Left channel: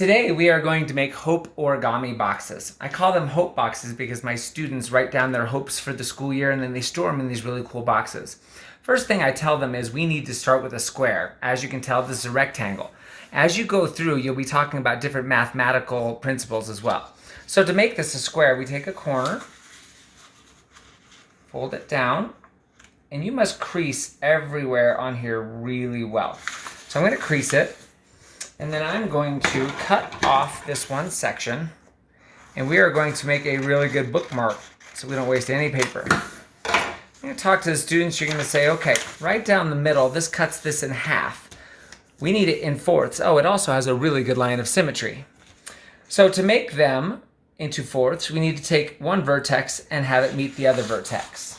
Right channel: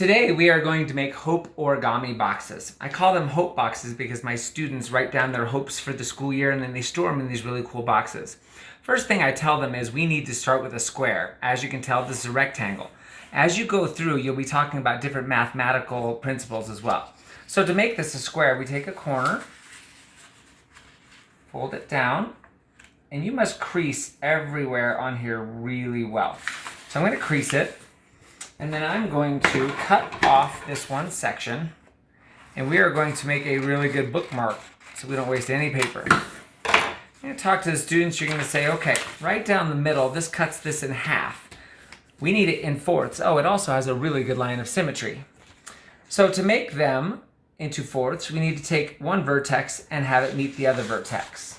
Today we are going to make hope origami boxes. I call them hope boxes because my students write down their hopes for the school year and then they store them in these really cool boxes. First thing I tell them is we need to start with a square. As you can tell, this is a rectangle. As you go through, you'll be talking about different mathematical principles as well. So to make this a square, we take a corner, fold it down, and you must crease everywhere on here really well. So I'm going to crease it. And then I'm going to cut off this one section, and we are going to make a really good bookmark so we don't waste any paper. I'm going to talk to the students. You're going to say, okay, right down the middle, this cuts this in half. We need it in fourths. Oh, it also has a really good line of symmetry. So to make them into fourths, we need to take one vertex and have it meet the other vertex.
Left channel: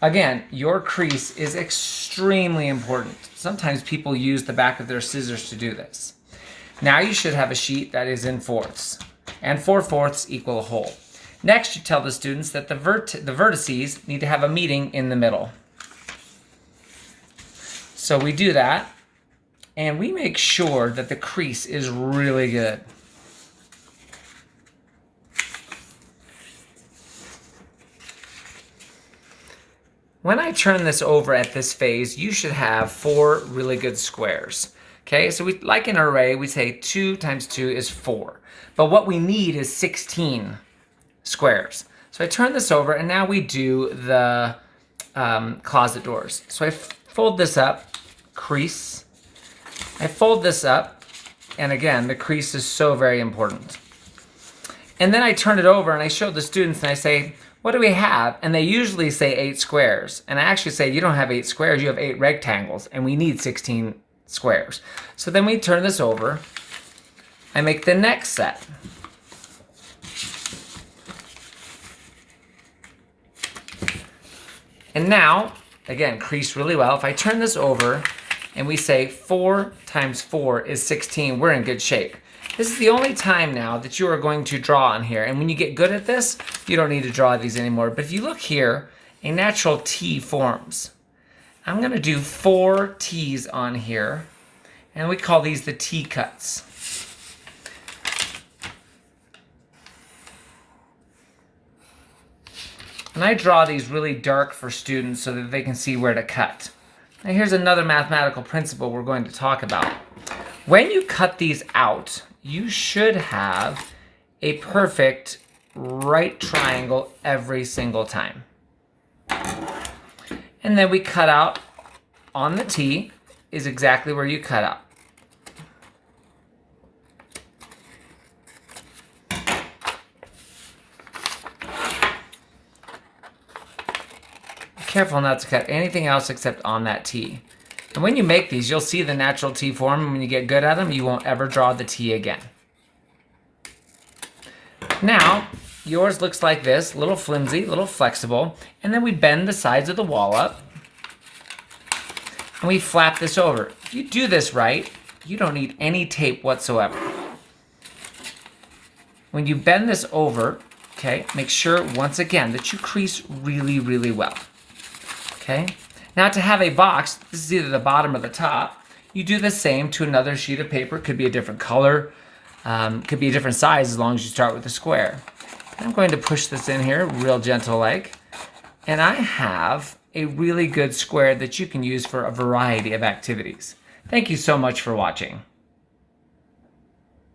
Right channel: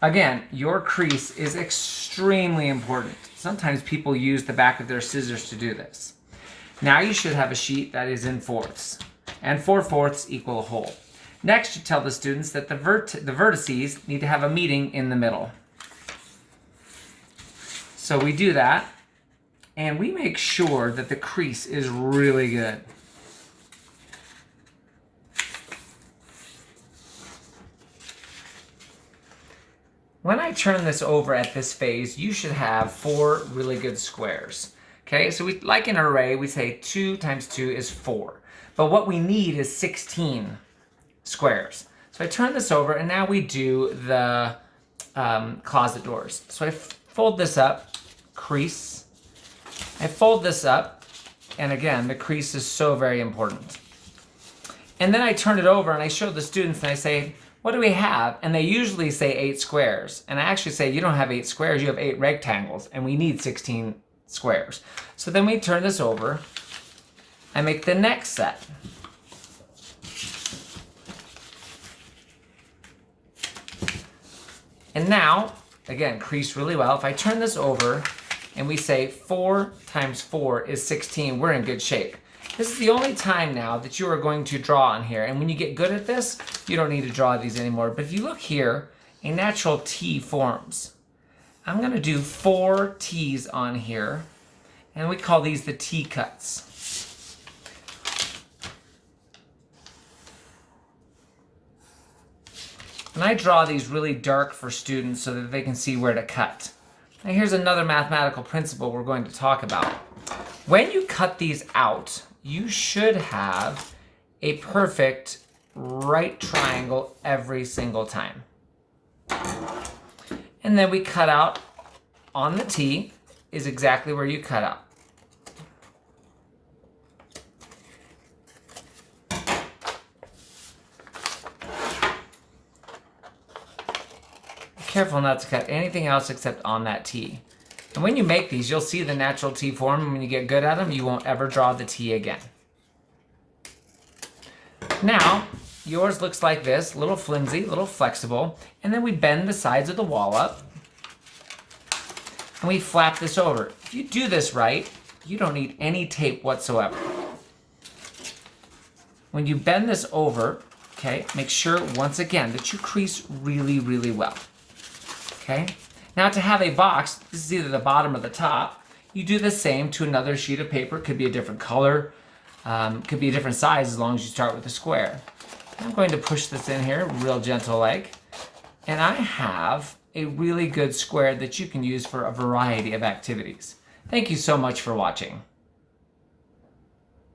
Again, your crease is extremely important. Sometimes people use the back of their scissors to do this. Now you should have a sheet that is in fourths, and 4/4 equal a whole. Next, you tell the students that the vertices need to have a meeting in the middle. So we do that, and we make sure that the crease is really good. When I turn this over at this phase, you should have 4 really good squares. Okay, so we, like an array, we say 2 times 2 is 4. But what we need is 16 squares. So I turn this over, and now we do the closet doors. So I fold this up, crease. I fold this up, and again, the crease is so very important. And then I turn it over, and I show the students, and I say, what do we have? And they usually say 8 squares. And I actually say, you don't have 8 squares, you have 8 rectangles, and we need 16 squares. So then we turn this over and make the next set. And now, again, crease really well. If I turn this over and we say 4 times 4 is 16, we're in good shape. This is the only time now that you are going to draw on here. And when you get good at this, you don't need to draw these anymore. But if you look here, a natural T forms. I'm going to do 4 T's on here. And we call these the T cuts. And I draw these really dark for students so that they can see where to cut. Now here's another mathematical principle we're going to talk about. When you cut these out, you should have a perfect right triangle every single time. And then we cut out on the T is exactly where you cut out. Be careful not to cut anything else except on that T. And when you make these, you'll see the natural T form, and when you get good at them, you won't ever draw the T again. Now, yours looks like this, a little flimsy, a little flexible, and then we bend the sides of the wall up, and we flap this over. If you do this right, you don't need any tape whatsoever. When you bend this over, okay, make sure, once again, that you crease really, really well, okay? Now to have a box, this is either the bottom or the top, you do the same to another sheet of paper. Could be a different color, could be a different size as long as you start with a square. I'm going to push this in here, real gentle like, and I have a really good square that you can use for a variety of activities. Thank you so much for watching.